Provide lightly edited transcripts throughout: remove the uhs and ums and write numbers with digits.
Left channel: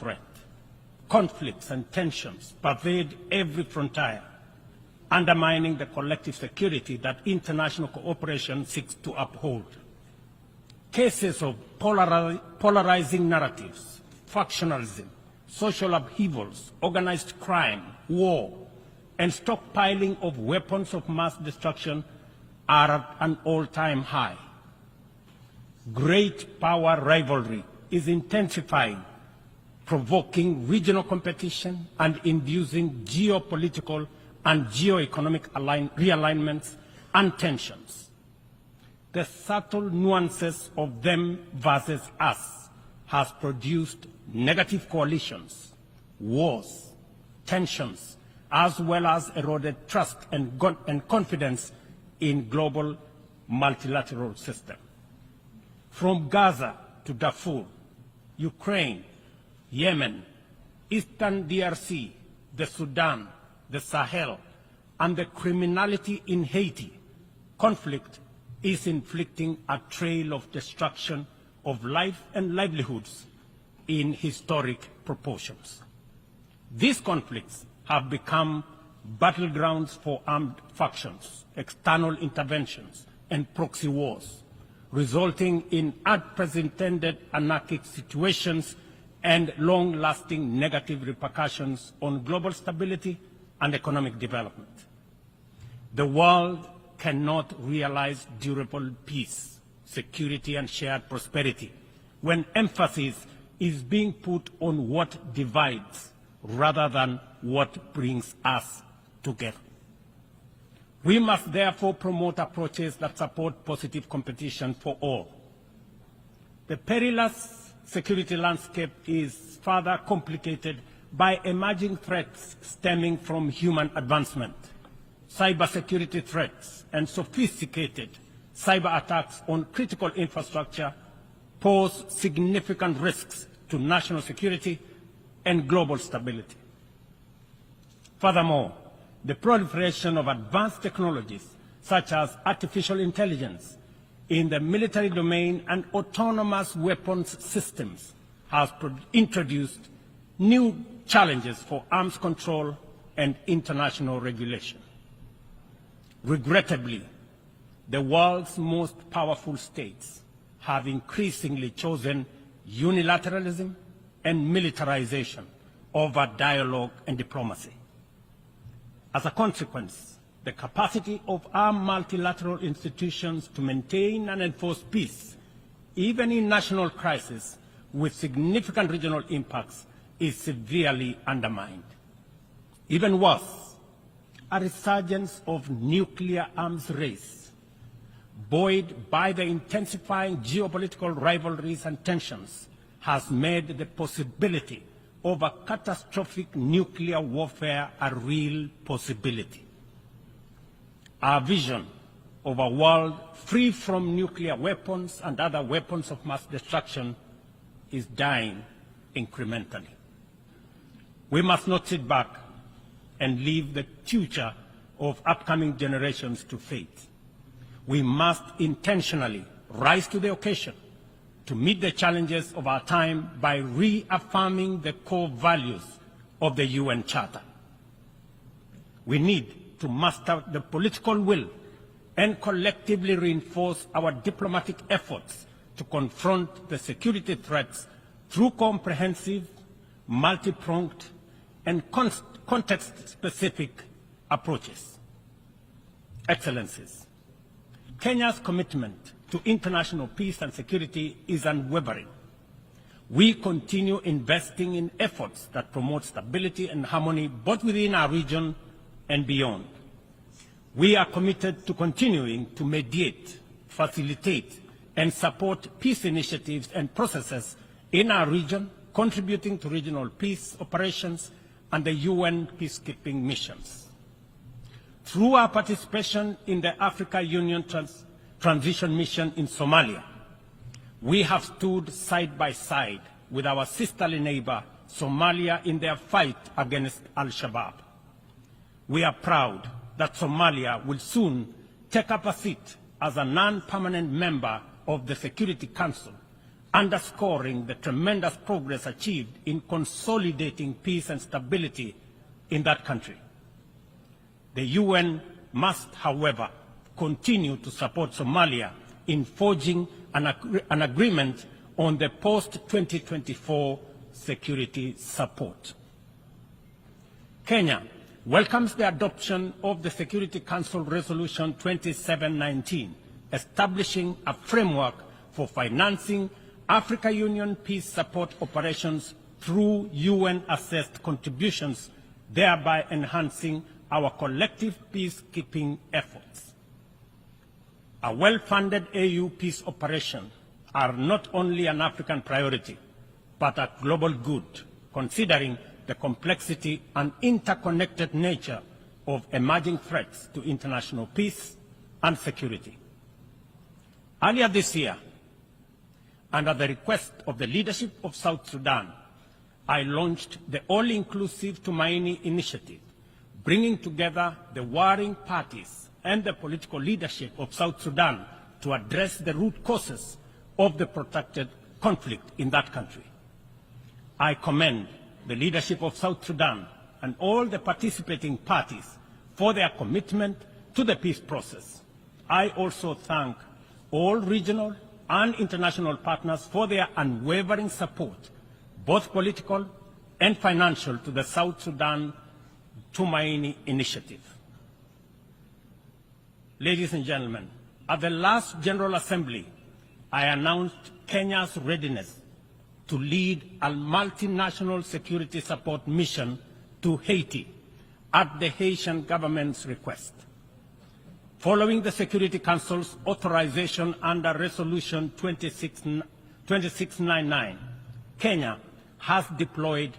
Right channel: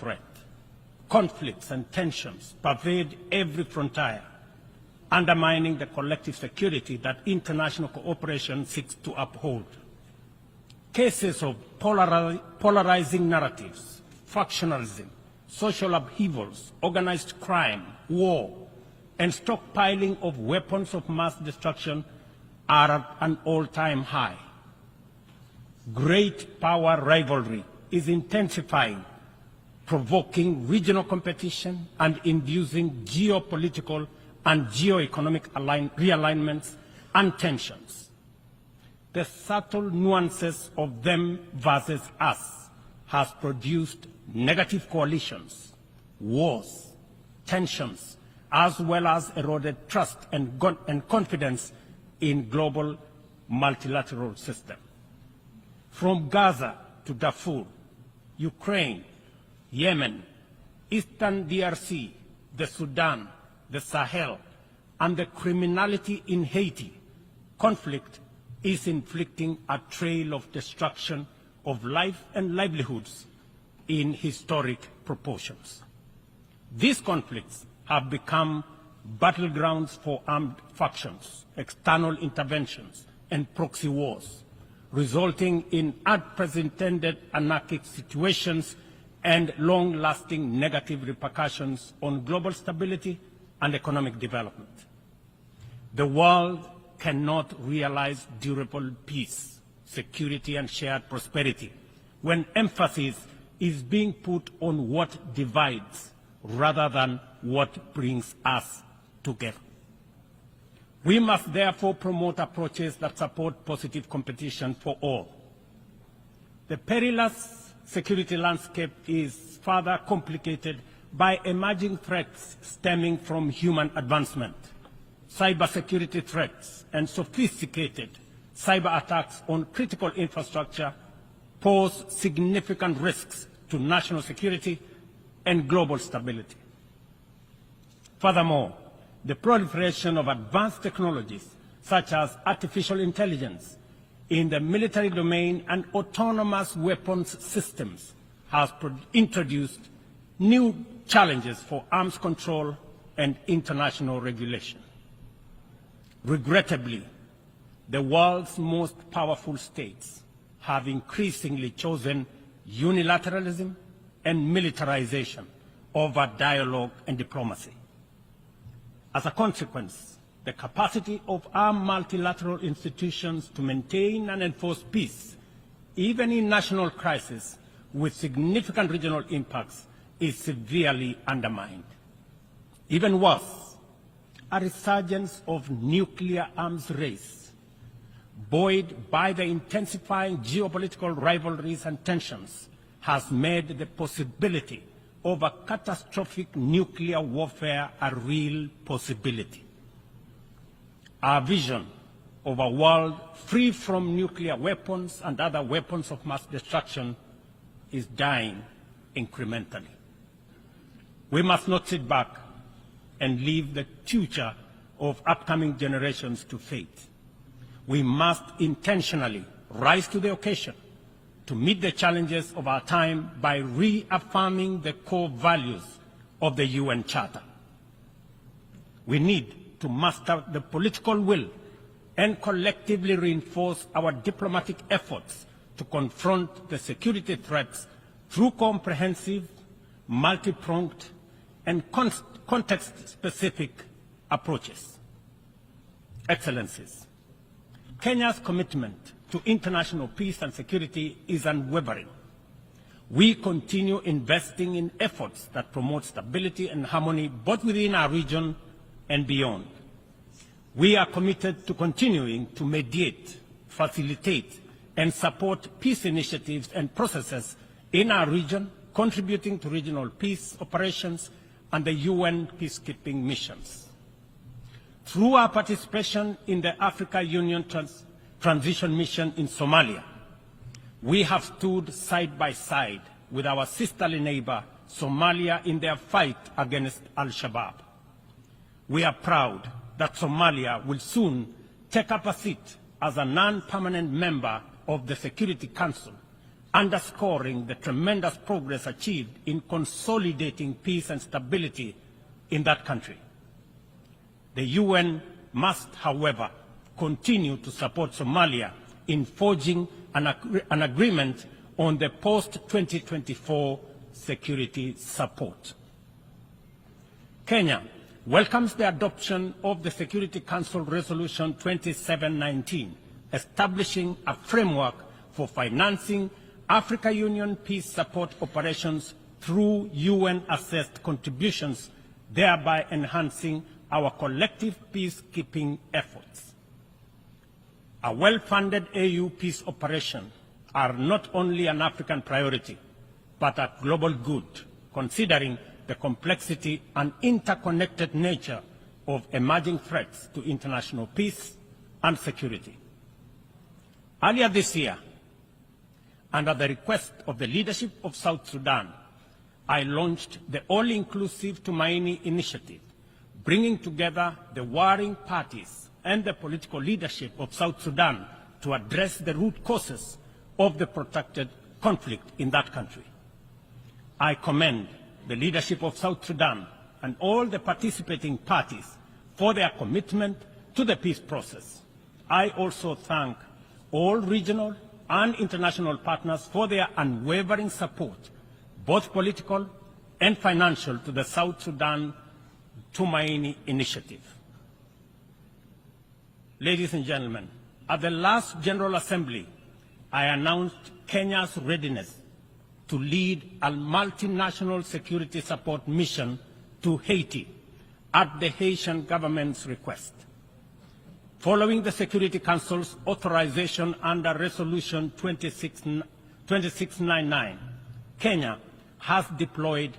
threat. Conflicts and tensions pervade every frontier, undermining the collective security that international cooperation seeks to uphold. Cases of polarizing narratives, factionalism, social upheavals, organized crime, war, and stockpiling of weapons of mass destruction are at an all-time high. Great power rivalry is intensifying, provoking regional competition and inducing geopolitical and geoeconomic realignments and tensions. The subtle nuances of them versus us has produced negative coalitions, wars, tensions, as well as eroded trust and confidence in global multilateral system. From Gaza to Darfur, Ukraine, Yemen, Eastern DRC, the Sudan, the Sahel, and the criminality in Haiti, conflict is inflicting a trail of destruction of life and livelihoods in historic proportions. These conflicts have become battlegrounds for armed factions, external interventions, and proxy wars, resulting in unprecedented anarchic situations and long-lasting negative repercussions on global stability and economic development. The world cannot realize durable peace, security, and shared prosperity when emphasis is being put on what divides rather than what brings us together. We must therefore promote approaches that support positive competition for all. The perilous security landscape is further complicated by emerging threats stemming from human advancement, cybersecurity threats, and sophisticated cyber attacks on critical infrastructure pose significant risks to national security and global stability. Furthermore, the proliferation of advanced technologies such as artificial intelligence in the military domain and autonomous weapons systems has introduced new challenges for arms control and international regulation. Regrettably, the world's most powerful states have increasingly chosen unilateralism and militarization over dialogue and diplomacy. As a consequence, the capacity of our multilateral institutions to maintain and enforce peace, even in national crises with significant regional impacts, is severely undermined. Even worse, a resurgence of nuclear arms race, buoyed by the intensifying geopolitical rivalries and tensions, has made the possibility of a catastrophic nuclear warfare a real possibility. Our vision of a world free from nuclear weapons and other weapons of mass destruction is dying incrementally. We must not sit back and leave the future of upcoming generations to fate. We must intentionally rise to the occasion to meet the challenges of our time by reaffirming the core values of the UN Charter. We need to muster the political will and collectively reinforce our diplomatic efforts to confront the security threats through comprehensive, multi-pronged, and context-specific approaches. Excellencies, Kenya's commitment to international peace and security is unwavering. We continue investing in efforts that promote stability and harmony both within our region and beyond. We are committed to continuing to mediate, facilitate, and support peace initiatives and processes in our region, contributing to regional peace operations and the UN peacekeeping missions. Through our participation in the Africa Union Transition Mission in Somalia, we have stood side by side with our sisterly neighbor, Somalia, in their fight against Al-Shabaab. We are proud that Somalia will soon take up a seat as a non-permanent member of the Security Council, underscoring the tremendous progress achieved in consolidating peace and stability in that country. The UN must, however, continue to support Somalia in forging an agreement on the post-2024 security support. Kenya welcomes the adoption of the Security Council Resolution 2719, establishing a framework for financing Africa Union peace support operations through UN-assessed contributions, thereby enhancing our collective peacekeeping efforts. A well-funded AU peace operation are not only an African priority, but a global good, considering the complexity and interconnected nature of emerging threats to international peace and security. Earlier this year, and at the request of the leadership of South Sudan, I launched the All-Inclusive Tumaini Initiative, bringing together the warring parties and the political leadership of South Sudan to address the root causes of the protracted conflict in that country. I commend the leadership of South Sudan and all the participating parties for their commitment to the peace process. I also thank all regional and international partners for their unwavering support, both political and financial, to the South Sudan Tumaini Initiative. Ladies and gentlemen, at the last General Assembly, I announced Kenya's readiness to lead a multinational security support mission to Haiti at the Haitian government's request. Following the Security Council's authorization under Resolution 2699, Kenya has deployed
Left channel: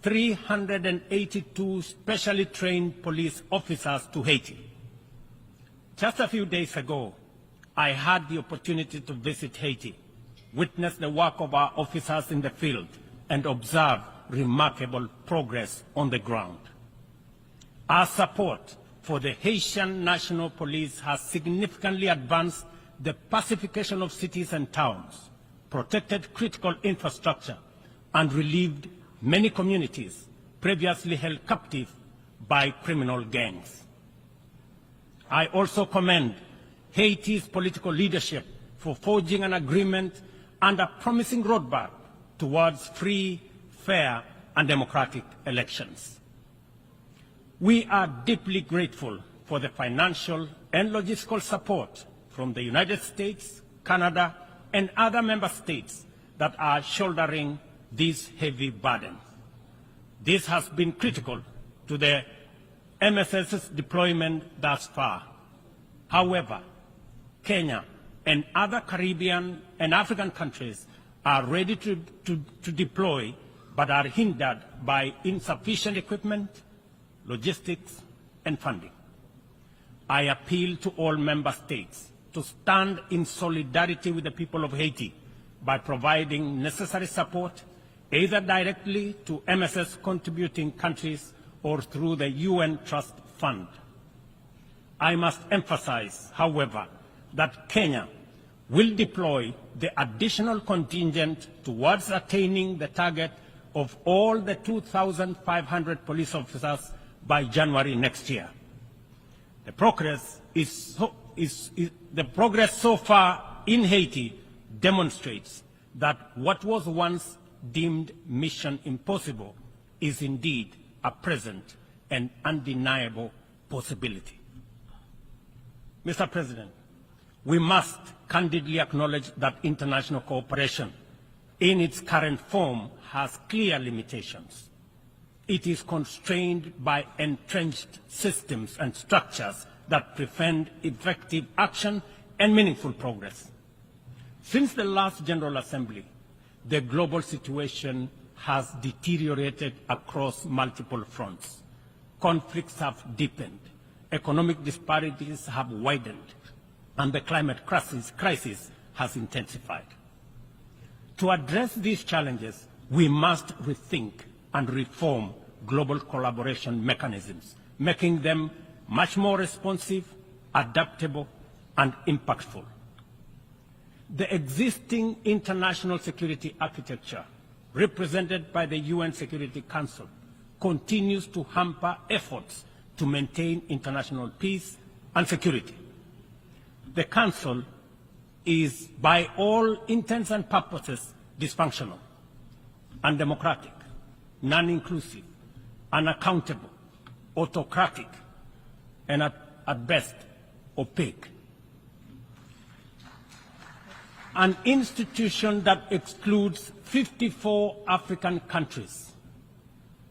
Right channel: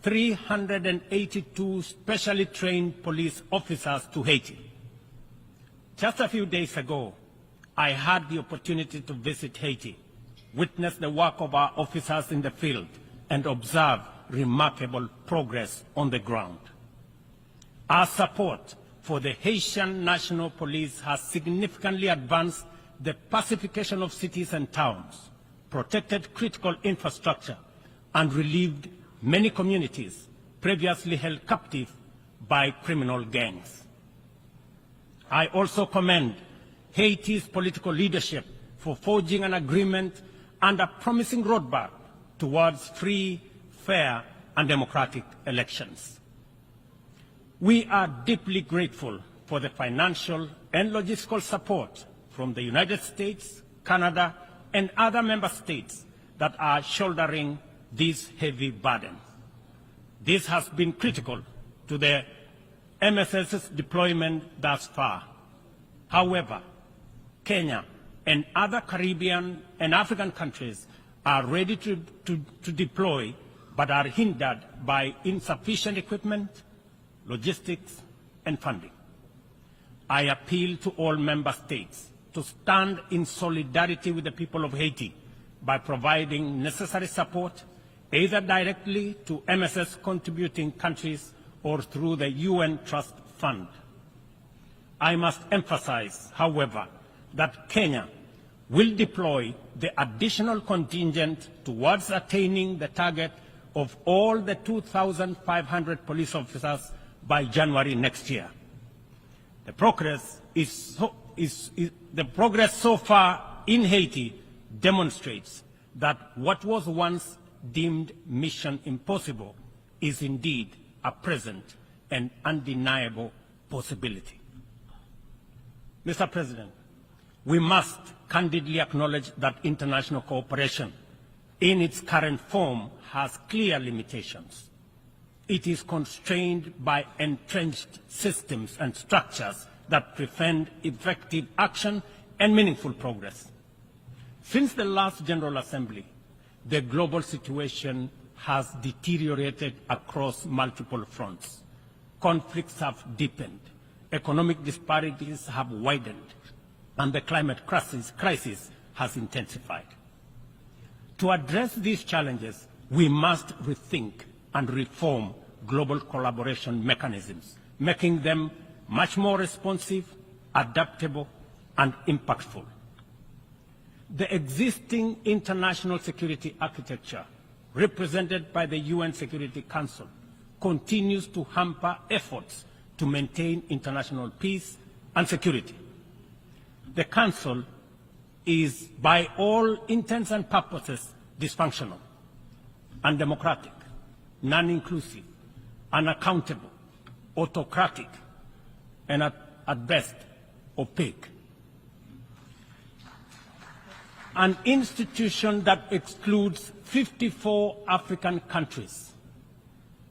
382 specially trained police officers to Haiti. Just a few days ago, I had the opportunity to visit Haiti, witness the work of our officers in the field, and observe remarkable progress on the ground. Our support for the Haitian National Police has significantly advanced the pacification of cities and towns, protected critical infrastructure, and relieved many communities previously held captive by criminal gangs. I also commend Haiti's political leadership for forging an agreement and a promising roadmap towards free, fair, and democratic elections. We are deeply grateful for the financial and logistical support from the United States, Canada, and other member states that are shouldering this heavy burden. This has been critical to the MSS's deployment thus far. However, Kenya and other Caribbean and African countries are ready to deploy, but are hindered by insufficient equipment, logistics, and funding. I appeal to all member states to stand in solidarity with the people of Haiti by providing necessary support, either directly to MSS contributing countries or through the UN Trust Fund. I must emphasize, however, that Kenya will deploy the additional contingent towards attaining the target of all the 2,500 police officers by January next year. The progress so far in Haiti demonstrates that what was once deemed mission impossible is indeed a present and undeniable possibility. Mr. President, we must candidly acknowledge that international cooperation in its current form has clear limitations. It is constrained by entrenched systems and structures that prevent effective action and meaningful progress. Since the last General Assembly, the global situation has deteriorated across multiple fronts. Conflicts have deepened, economic disparities have widened, and the climate crisis has intensified. To address these challenges, we must rethink and reform global collaboration mechanisms, making them much more responsive, adaptable, and impactful. the existing international security architecture represented by the UN Security Council continues to hamper efforts to maintain international peace and security. The Council is, by all intents and purposes, dysfunctional, undemocratic, non-inclusive, unaccountable, autocratic, and at best, opaque. An institution that excludes 54 African countries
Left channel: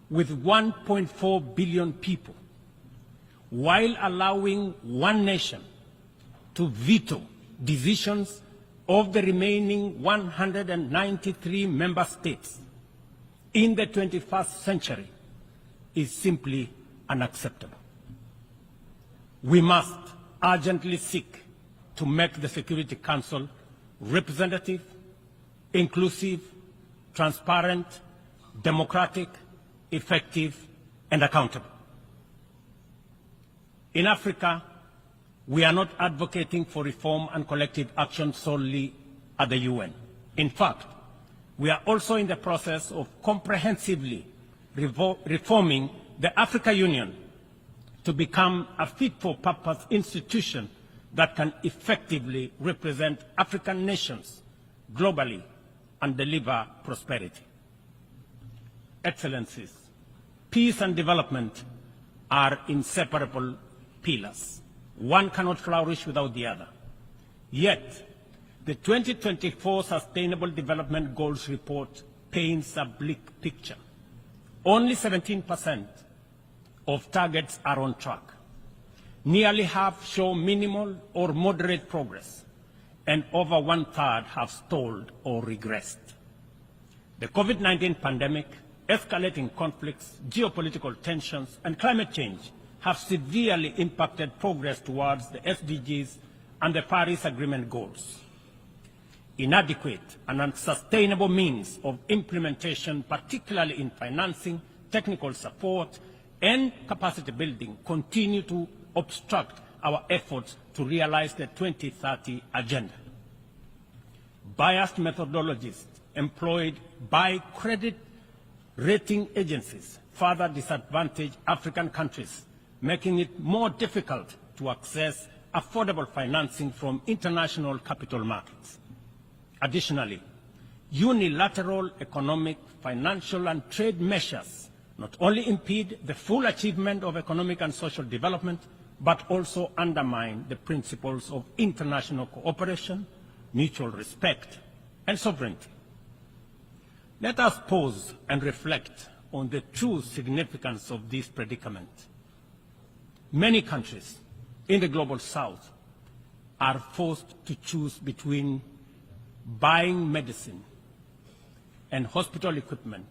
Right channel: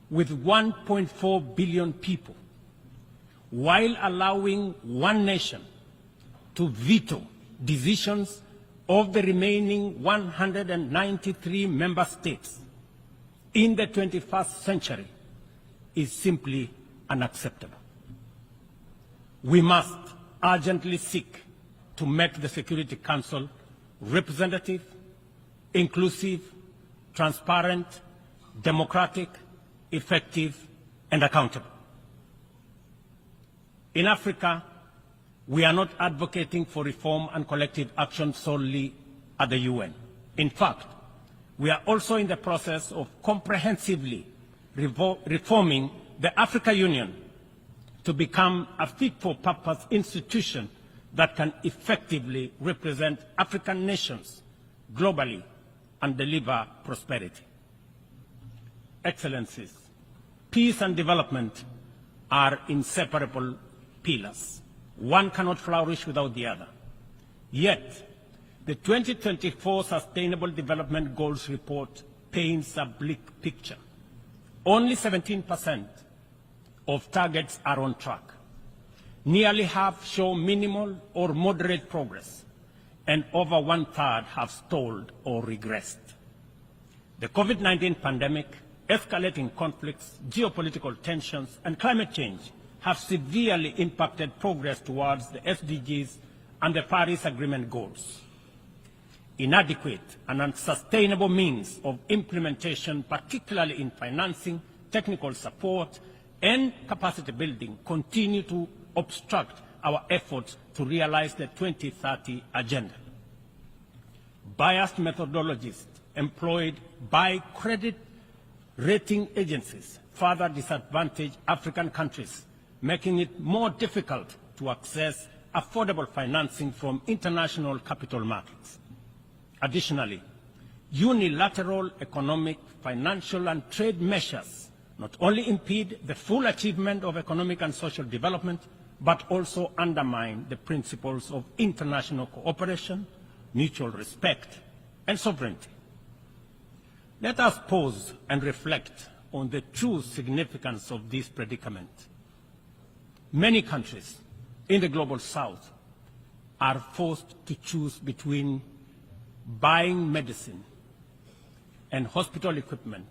with 1.4 billion people, while allowing one nation to veto decisions of the remaining 193 member states in the 21st century, is simply unacceptable. We must urgently seek to make the Security Council representative, inclusive, transparent, democratic, effective, and accountable. In Africa, we are not advocating for reform and collective action solely at the UN. In fact, we are also in the process of comprehensively reforming the Africa Union to become a fit-for-purpose institution that can effectively represent African nations globally and deliver prosperity. Excellencies, peace and development are inseparable pillars. One cannot flourish without the other. Yet, the 2024 Sustainable Development Goals report paints a bleak picture. Only 17% of targets are on track. Nearly half show minimal or moderate progress, and over one-third have stalled or regressed. The COVID-19 pandemic, escalating conflicts, geopolitical tensions, and climate change have severely impacted progress towards the SDGs and the Paris Agreement goals. Inadequate and unsustainable means of implementation, particularly in financing, technical support, and capacity building, continue to obstruct our efforts to realize the 2030 agenda. Biased methodologies employed by credit rating agencies further disadvantage African countries, making it more difficult to access affordable financing from international capital markets. Additionally, unilateral economic, financial, and trade measures not only impede the full achievement of economic and social development, but also undermine the principles of international cooperation, mutual respect, and sovereignty. Let us pause and reflect on the true significance of this predicament. Many countries in the global south are forced to choose between buying medicine and hospital equipment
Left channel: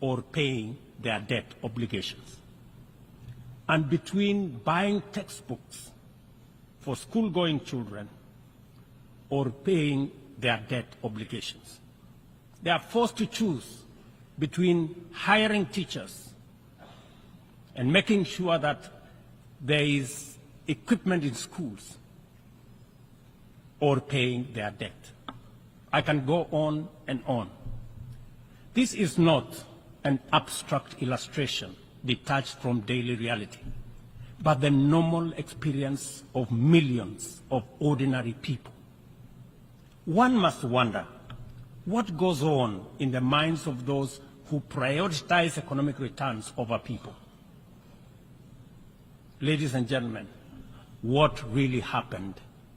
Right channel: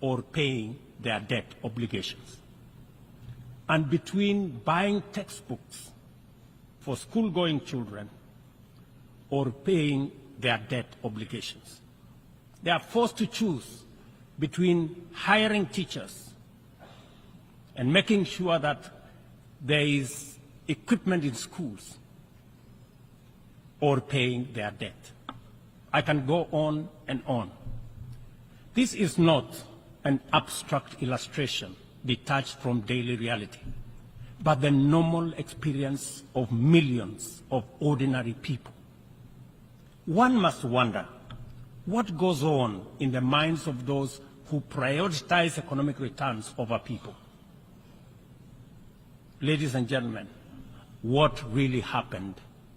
or paying their debt obligations, and between buying textbooks for school-going children or paying their debt obligations. They are forced to choose between hiring teachers and making sure that there is equipment in schools or paying their debt. I can go on and on. This is not an abstract illustration detached from daily reality, but the normal experience of millions of ordinary people. One must wonder what goes on in the minds of those who prioritize economic returns over people. Ladies and gentlemen, what really happened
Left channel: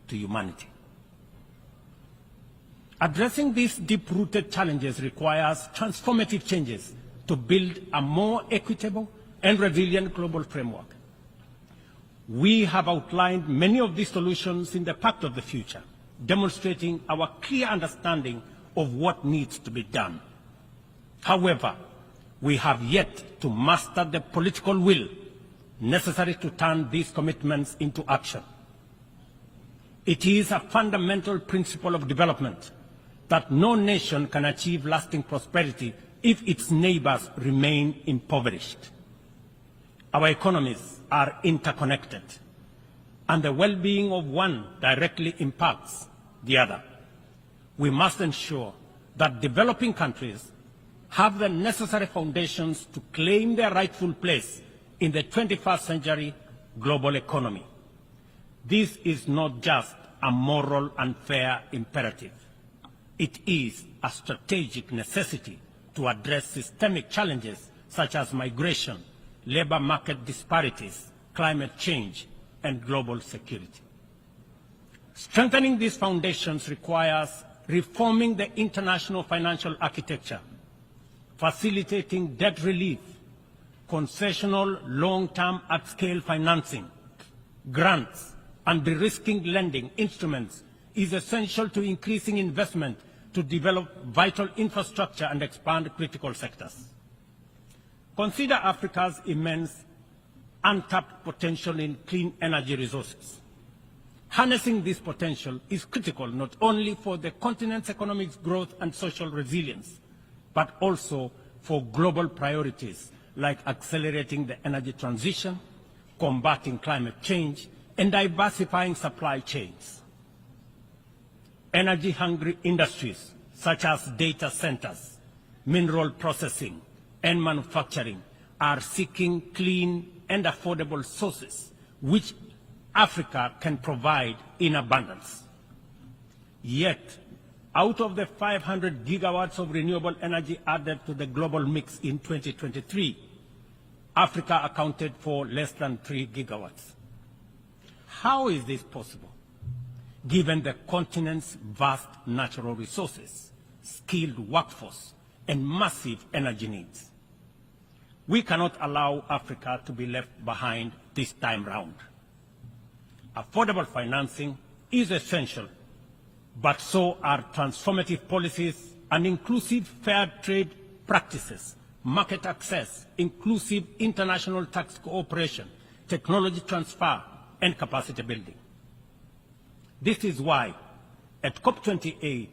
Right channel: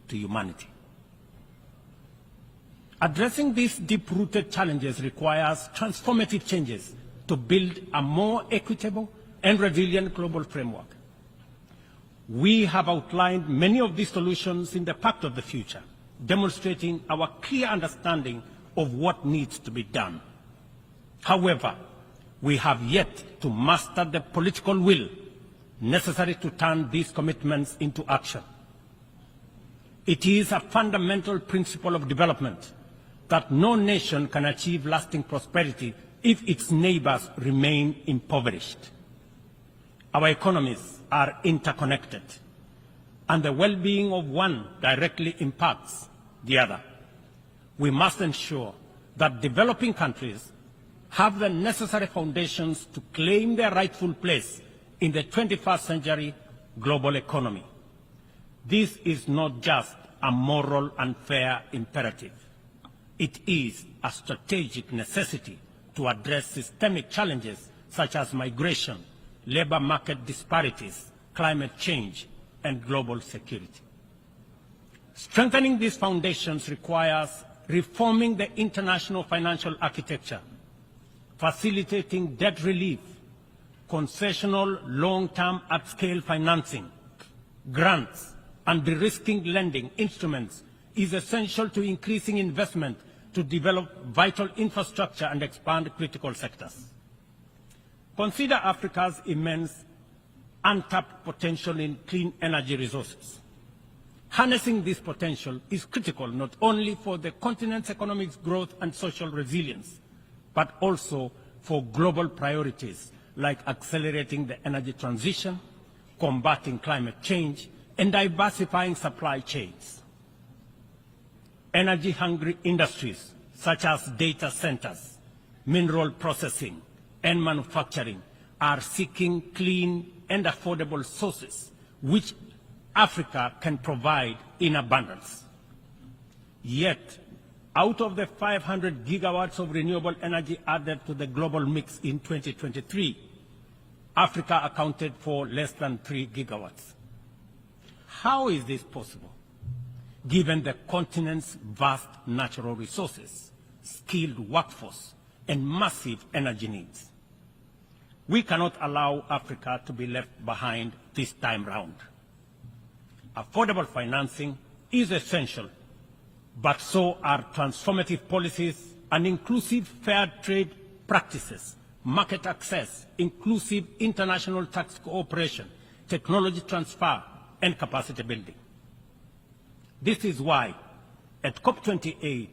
to humanity? Addressing these deep-rooted challenges requires transformative changes to build a more equitable and resilient global framework. We have outlined many of these solutions in the Pact of the Future, demonstrating our clear understanding of what needs to be done. However, we have yet to master the political will necessary to turn these commitments into action. It is a fundamental principle of development that no nation can achieve lasting prosperity if its neighbors remain impoverished. Our economies are interconnected, and the well-being of one directly impacts the other. we must ensure that developing countries have the necessary foundations to claim their rightful place in the 21st century global economy. This is not just a moral and fair imperative. It is a strategic necessity to address systemic challenges such as migration, labor market disparities, climate change, and global security. Strengthening these foundations requires reforming the international financial architecture, facilitating debt relief, concessional long-term at-scale financing, grants, and de-risking lending instruments is essential to increasing investment to develop vital infrastructure and expand critical sectors. Consider Africa's immense untapped potential in clean energy resources. Harnessing this potential is critical not only for the continent's economic growth and social resilience, but also for global priorities like accelerating the energy transition, combating climate change, and diversifying supply chains. Energy-hungry industries such as data centers, mineral processing, and manufacturing are seeking clean and affordable sources which Africa can provide in abundance. Yet, out of the 500 gigawatts of renewable energy added to the global mix in 2023, Africa accounted for less than 3 gigawatts. How is this possible, given the continent's vast natural resources, skilled workforce, and massive energy needs? We cannot allow Africa to be left behind this time round. Affordable financing is essential, but so are transformative policies and inclusive fair trade practices, market access, inclusive international tax cooperation, technology transfer, and capacity building. This is why, at COP28,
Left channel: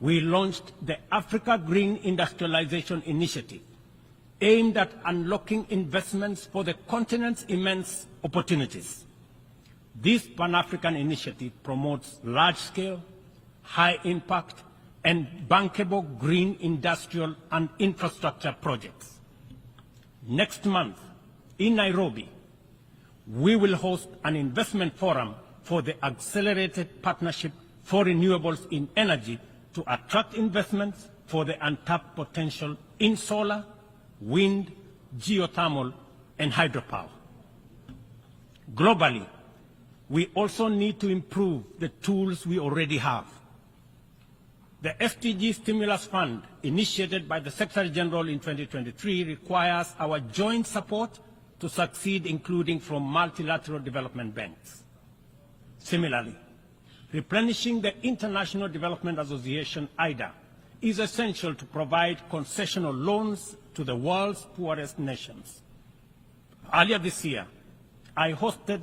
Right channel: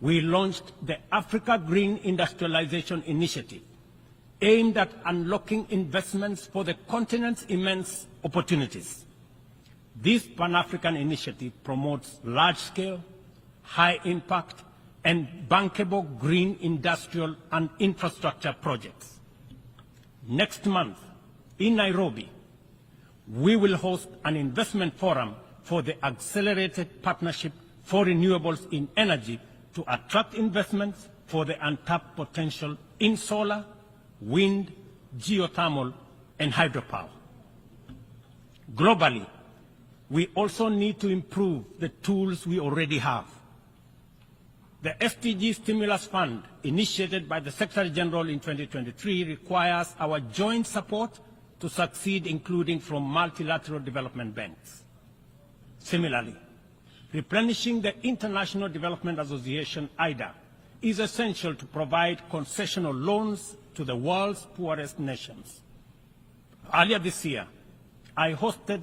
we launched the Africa Green Industrialization Initiative, aimed at unlocking investments for the continent's immense opportunities. This Pan-African initiative promotes large-scale, high-impact, and bankable green industrial and infrastructure projects. Next month, in Nairobi, we will host an investment forum for the Accelerated Partnership for Renewables in Energy to attract investments for the untapped potential in solar, wind, geothermal, and hydropower. Globally, we also need to improve the tools we already have. The FTG Stimulus Fund, initiated by the Secretary General in 2023, requires our joint support to succeed, including from multilateral development banks. Similarly, replenishing the International Development Association, IDA, is essential to provide concessional loans to the world's poorest nations. Earlier this year, I hosted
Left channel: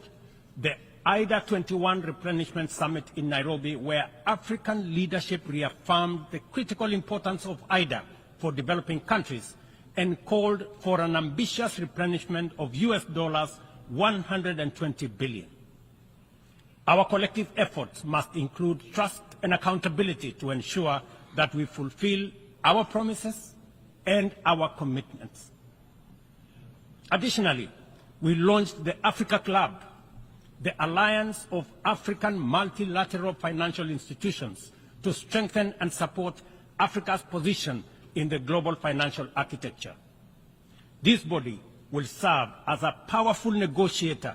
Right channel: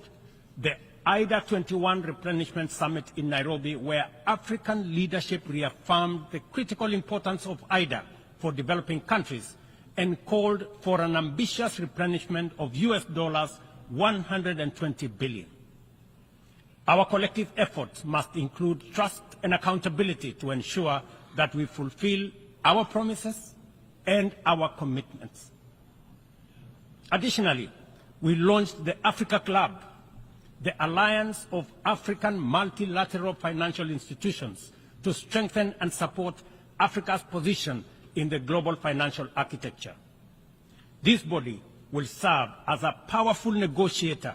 the IDA 21 Replenishment Summit in Nairobi, where African leadership reaffirmed the critical importance of IDA for developing countries and called for an ambitious replenishment of $120 billion. Our collective efforts must include trust and accountability to ensure that we fulfill our promises and our commitments. Additionally, we launched the Africa Club, the Alliance of African Multilateral Financial Institutions, to strengthen and support Africa's position in the global financial architecture. This body will serve as a powerful negotiator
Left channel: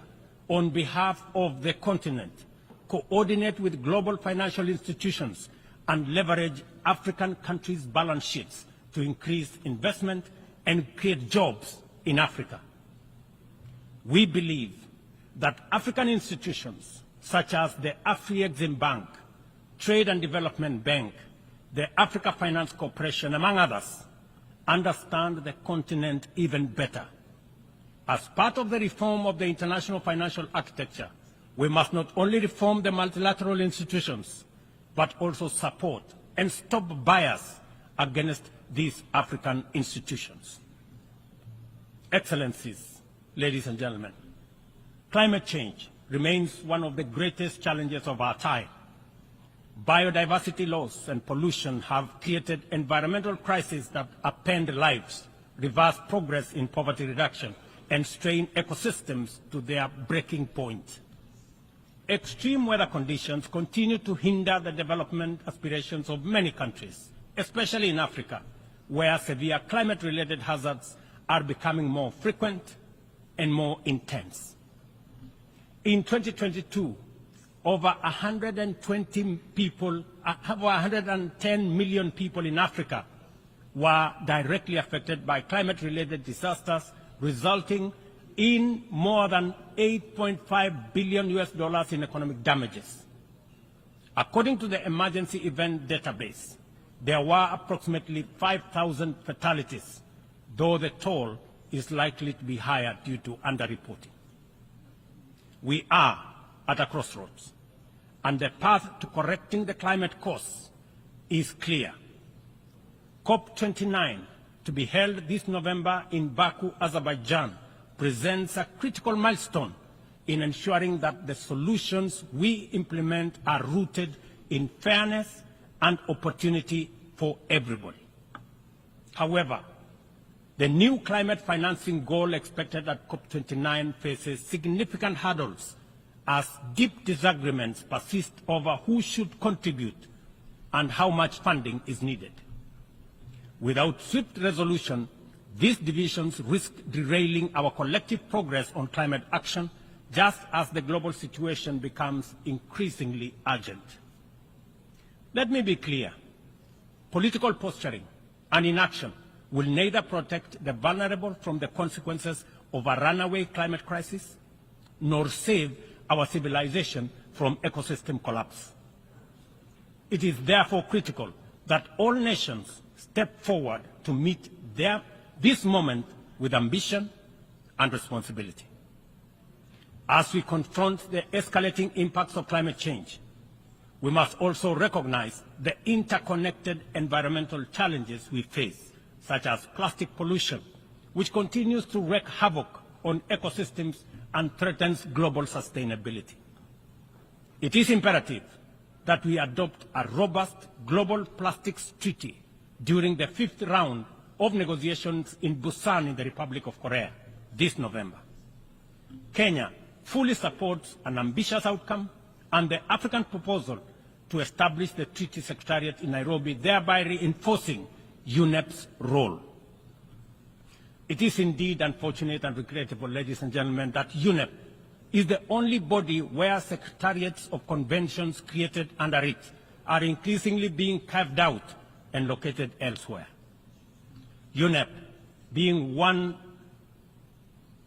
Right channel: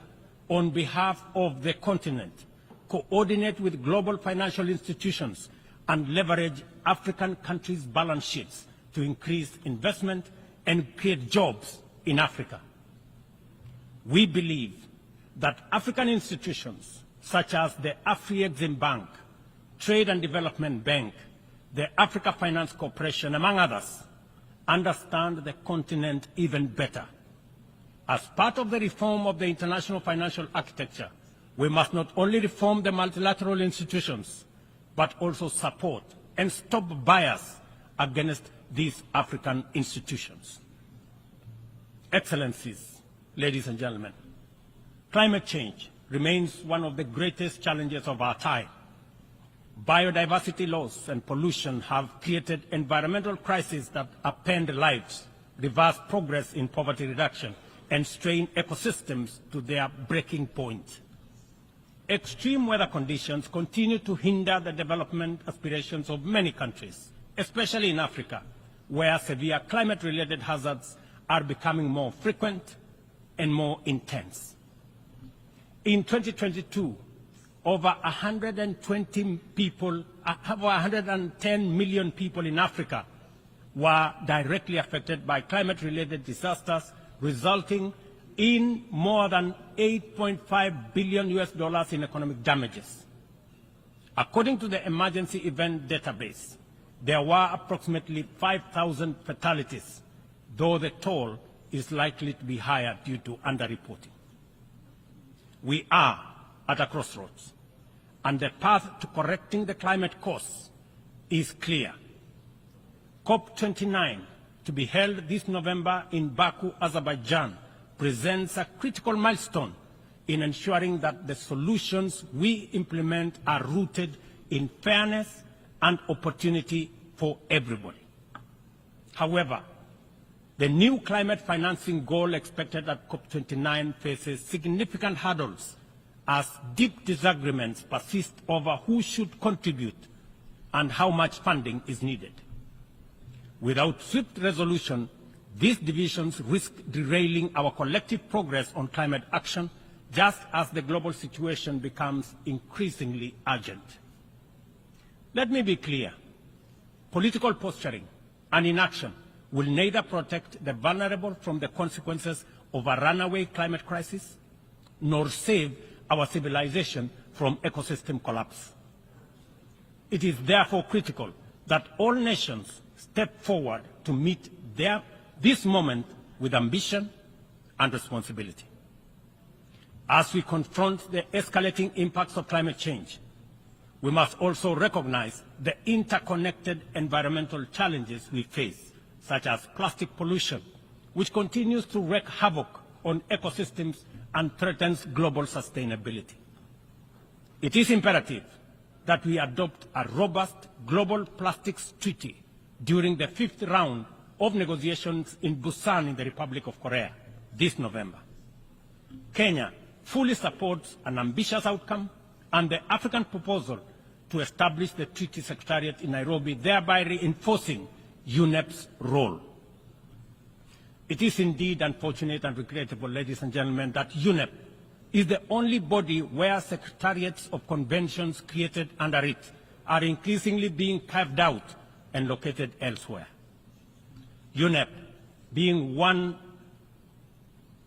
on behalf of the continent, coordinate with global financial institutions, and leverage African countries' balance sheets to increase investment and create jobs in Africa. We believe that African institutions such as the Afri-Exim Bank, Trade and Development Bank, the Africa Finance Corporation, among others, understand the continent even better. As part of the reform of the international financial architecture, we must not only reform the multilateral institutions, but also support and stop bias against these African institutions. Excellencies, ladies and gentlemen, climate change remains one of the greatest challenges of our time. Biodiversity loss and pollution have created environmental crises that upend lives, reverse progress in poverty reduction, and strain ecosystems to their breaking point. Extreme weather conditions continue to hinder the development aspirations of many countries, especially in Africa, where severe climate-related hazards are becoming more frequent and more intense. In 2022, over 110 million people in Africa were directly affected by climate-related disasters, resulting in more than $8.5 billion in economic damages. According to the Emergency Event Database, there were approximately 5,000 fatalities, though the toll is likely to be higher due to underreporting. We are at a crossroads, and the path to correcting the climate course is clear. COP29, to be held this November in Baku, Azerbaijan, presents a critical milestone in ensuring that the solutions we implement are rooted in fairness and opportunity for everybody. However, the new climate financing goal expected at COP29 faces significant hurdles as deep disagreements persist over who should contribute and how much funding is needed. Without swift resolution, these divisions risk derailing our collective progress on climate action, just as the global situation becomes increasingly urgent. Let me be clear. Political posturing and inaction will neither protect the vulnerable from the consequences of a runaway climate crisis, nor save our civilization from ecosystem collapse. It is therefore critical that all nations step forward to meet this moment with ambition and responsibility. As we confront the escalating impacts of climate change, we must also recognize the interconnected environmental challenges we face, such as plastic pollution, which continues to wreak havoc on ecosystems and threatens global sustainability. It is imperative that we adopt a robust global plastics treaty during the 5th round of negotiations in Busan in the Republic of Korea this November. Kenya fully supports an ambitious outcome and the African proposal to establish the Treaty Secretariat in Nairobi, thereby reinforcing UNEP's role. It is indeed unfortunate and regrettable, ladies and gentlemen, that UNEP is the only body where secretariats of conventions created under it are increasingly being carved out and located elsewhere. UNEP, being one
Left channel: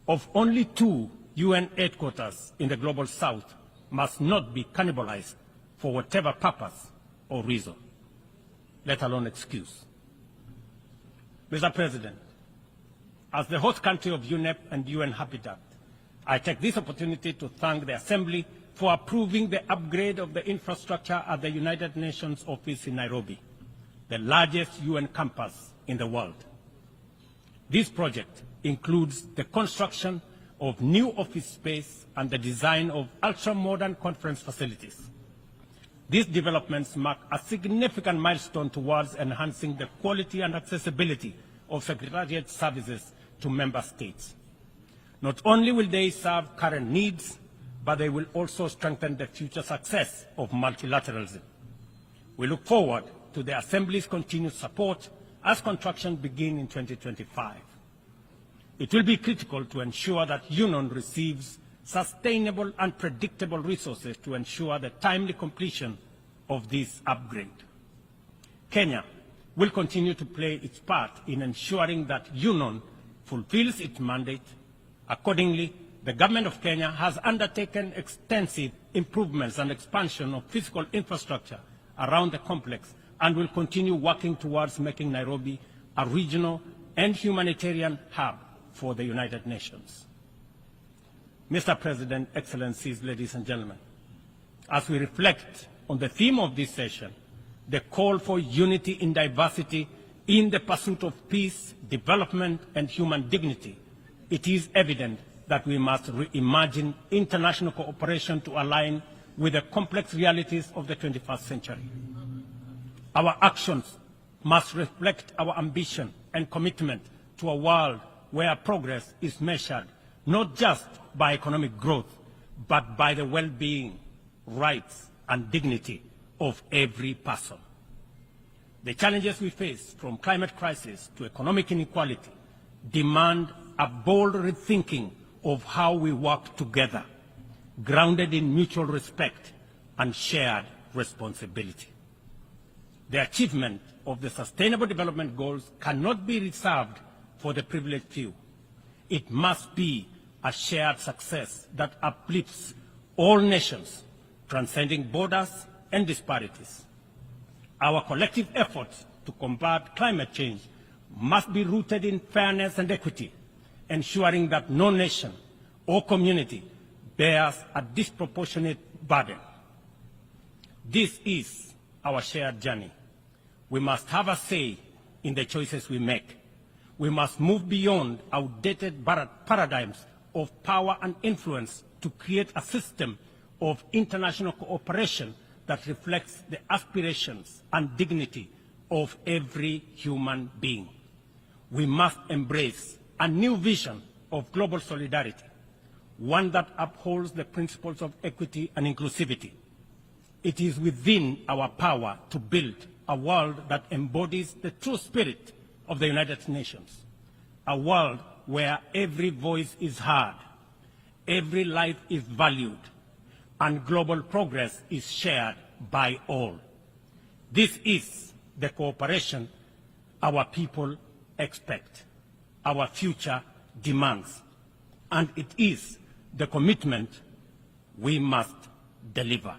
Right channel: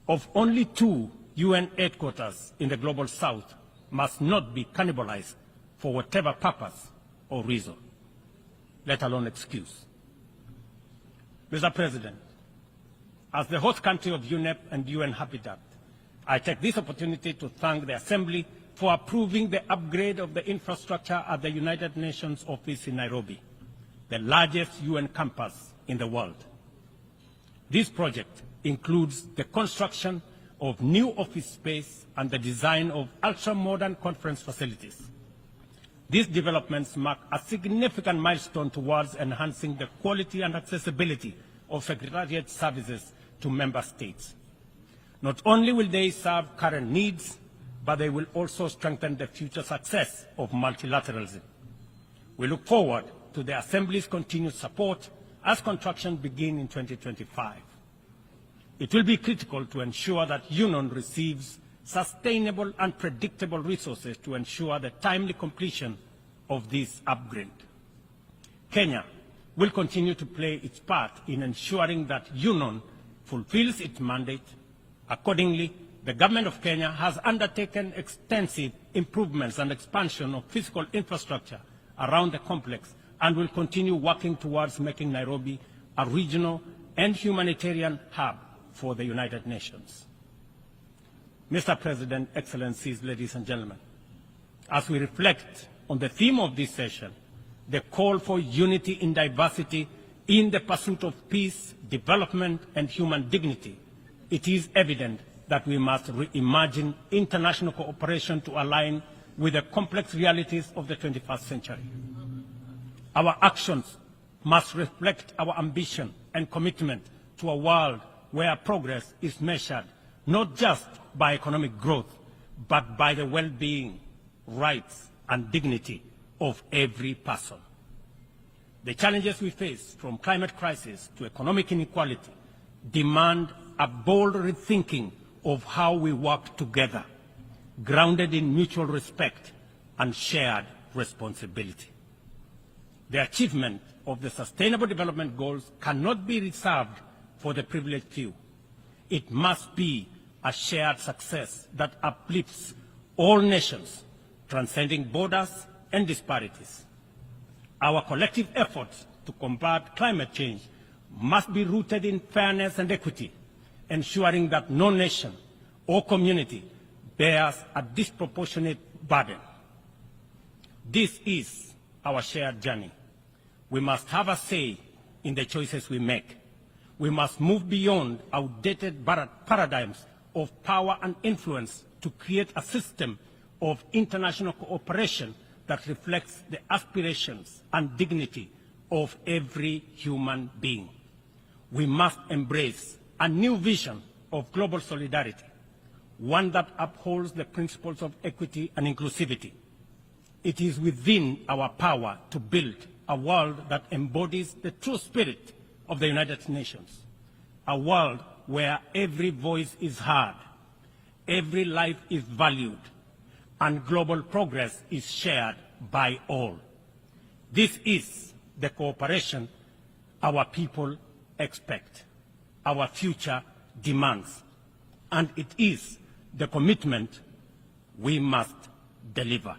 of only 2 UN headquarters in the Global South, must not be cannibalized for whatever purpose or reason, let alone excuse. Mr. President, as the host country of UNEP and UN Habitat, I take this opportunity to thank the Assembly for approving the upgrade of the infrastructure at the United Nations office in Nairobi, the largest UN campus in the world. This project includes the construction of new office space and the design of ultra-modern conference facilities. These developments mark a significant milestone towards enhancing the quality and accessibility of Secretariat services to member states. Not only will they serve current needs, but they will also strengthen the future success of multilateralism. We look forward to the Assembly's continued support as construction begins in 2025. It will be critical to ensure that UNON receives sustainable and predictable resources to ensure the timely completion of this upgrade. Kenya will continue to play its part in ensuring that UNON fulfills its mandate. Accordingly, the Government of Kenya has undertaken extensive improvements and expansion of physical infrastructure around the complex and will continue working towards making Nairobi a regional and humanitarian hub for the United Nations. Mr. President, Excellencies, ladies and gentlemen, as we reflect on the theme of this session, the call for unity in diversity in the pursuit of peace, development, and human dignity, it is evident that we must reimagine international cooperation to align with the complex realities of the 21st century. Our actions must reflect our ambition and commitment to a world where progress is measured not just by economic growth, but by the well-being, rights, and dignity of every person. The challenges we face, from climate crisis to economic inequality, demand a bold rethinking of how we work together, grounded in mutual respect and shared responsibility. The achievement of the Sustainable Development Goals cannot be reserved for the privileged few. It must be a shared success that uplifts all nations, transcending borders and disparities. Our collective efforts to combat climate change must be rooted in fairness and equity, ensuring that no nation or community bears a disproportionate burden. This is our shared journey. We must have a say in the choices we make. We must move beyond outdated paradigms of power and influence to create a system of international cooperation that reflects the aspirations and dignity of every human being. We must embrace a new vision of global solidarity, one that upholds the principles of equity and inclusivity. It is within our power to build a world that embodies the true spirit of the United Nations, a world where every voice is heard, every life is valued, and global progress is shared by all. This is the cooperation our people expect, our future demands, and it is the commitment we must deliver.